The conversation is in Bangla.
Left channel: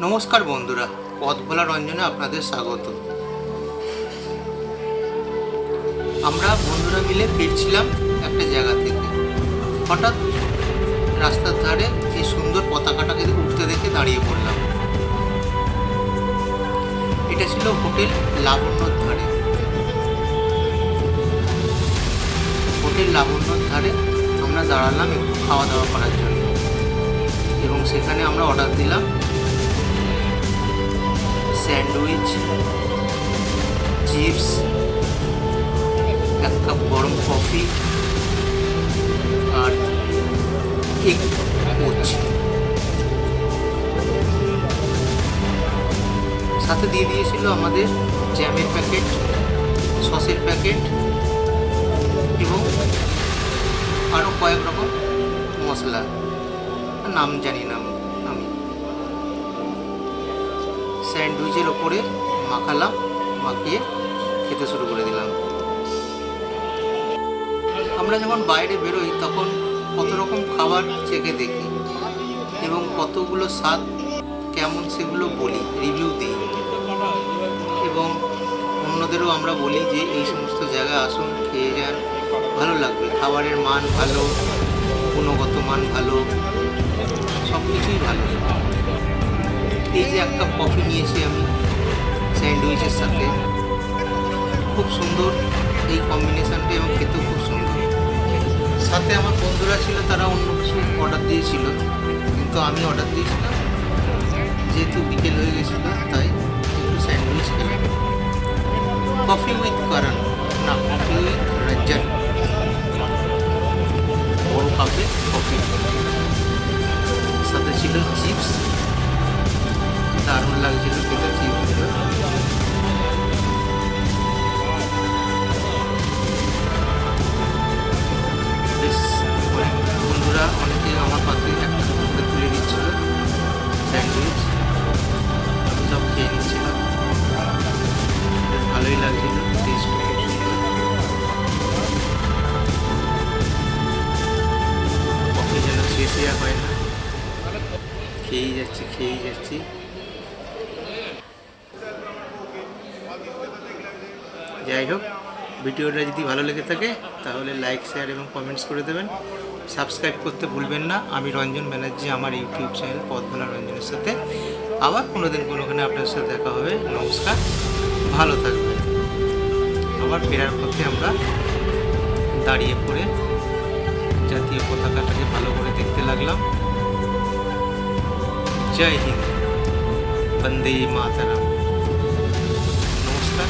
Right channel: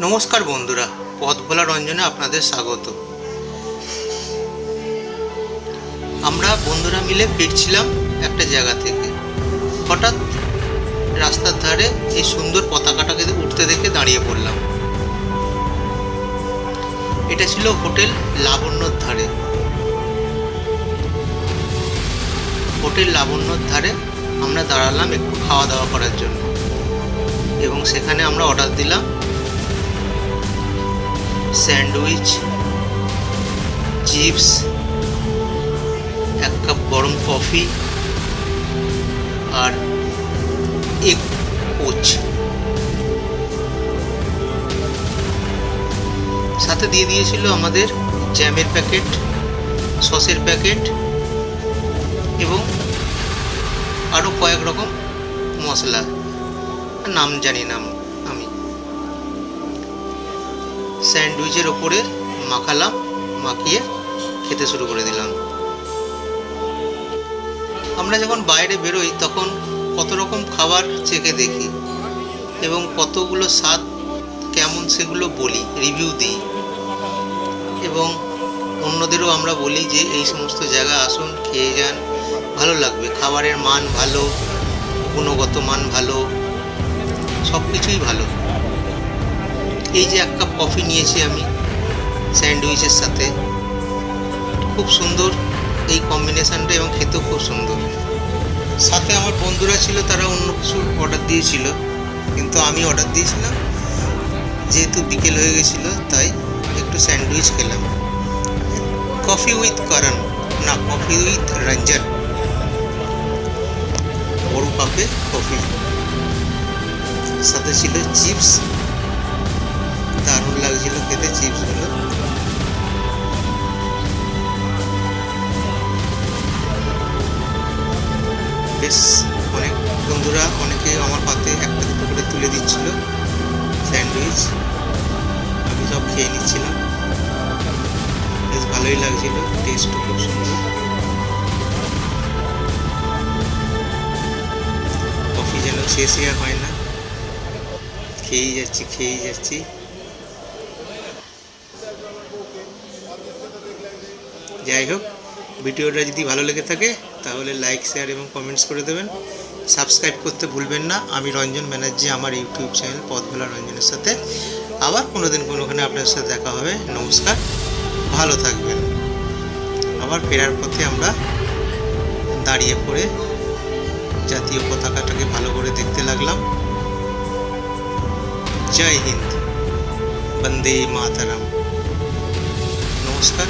নমস্কার বন্ধুরা, পথ ভোলা রঞ্জনে আপনাদের স্বাগত। আমরা বন্ধুরা মিলে ফিরছিলাম একটা জায়গা থেকে। হঠাৎ রাস্তার ধারে এই সুন্দর পতাকাটাকে উঠতে দেখে দাঁড়িয়ে পড়লাম। এটা ছিল হোটেল লাবণ্যর ধারে। হোটেল লাবণ্যর ধারে আমরা দাঁড়ালাম একটু খাওয়া দাওয়া করার জন্য, এবং সেখানে আমরা অর্ডার দিলাম স্যান্ডউইচ, চিপস, এক কাপ গরম কফি আর এগ পোচ। সাথে দিয়ে দিয়েছিল আমাদের জ্যামের প্যাকেট, সসের প্যাকেট এবং আরও কয়েক রকম মশলা, নাম জানি না আমি। স্যান্ডউইচের ওপরে মাখালাম, মাখিয়ে খেতে শুরু করে দিলাম। আমরা যখন বাইরে বেরোই তখন কত রকম খাবার চেখে দেখি এবং কতগুলো স্বাদ কেমন সেগুলো বলি, রিভিউ দিই, এবং অন্যদেরও আমরা বলি যে এই সমস্ত জায়গা আসুন, খেয়ে যান, ভালো লাগবে। খাবারের মান ভালো, গুণগত মান ভালো, সব কিছুই ভালো। এই যে এক কাপ কফি নিয়েছি আমি স্যান্ডউইচের সাথে, খুব সুন্দর এই কম্বিনেশানটা, এবং খেতেও খুব সুন্দর। সাথে আমার বন্ধুরা ছিল, তারা অন্য কিছু অর্ডার দিয়েছিল, কিন্তু আমি অর্ডার দিয়েছিলাম যেহেতু বিকেল হয়ে গেছিলো, তাই একটু স্যান্ডউইচ খেলাম। কফি উইথ করণ, না কফি উইথ রঞ্জন, বড় কাপে কফি। সাথে ছিল চিপস, দারুণ লাগছিল খেতে চিপসগুলো। বেশ অনেক বন্ধুরা, অনেকে আমার পাতে একটা দুটো করে তুলে দিচ্ছিল স্যান্ডউইচ, আমি সব খেয়ে নিচ্ছিলাম। বেশ ভালোই লাগছিল, টেস্টও খুব সুন্দর। কফি যেন শেষই আর হয় না, খেয়েই যাচ্ছি। যাই হোক, ভিডিওটা যদি ভালো লেগে থাকে তাহলে লাইক, শেয়ার এবং কমেন্টস করে দেবেন। সাবস্ক্রাইব করতে ভুলবেন না। আমি রঞ্জন ব্যানার্জি, আমার ইউটিউব চ্যানেল পথ ভোলা রঞ্জনের সাথে আবার কোনোদিন কোনোখানে আপনার সাথে দেখা হবে। নমস্কার, ভালো থাকবেন। আবার ফেরার পথে আমরা দাঁড়িয়ে পড়ে জাতীয় পতাকাটাকে ভালো করে দেখতে লাগলাম। জয় হিন্দ, বন্দে মাতরম। নমস্কার।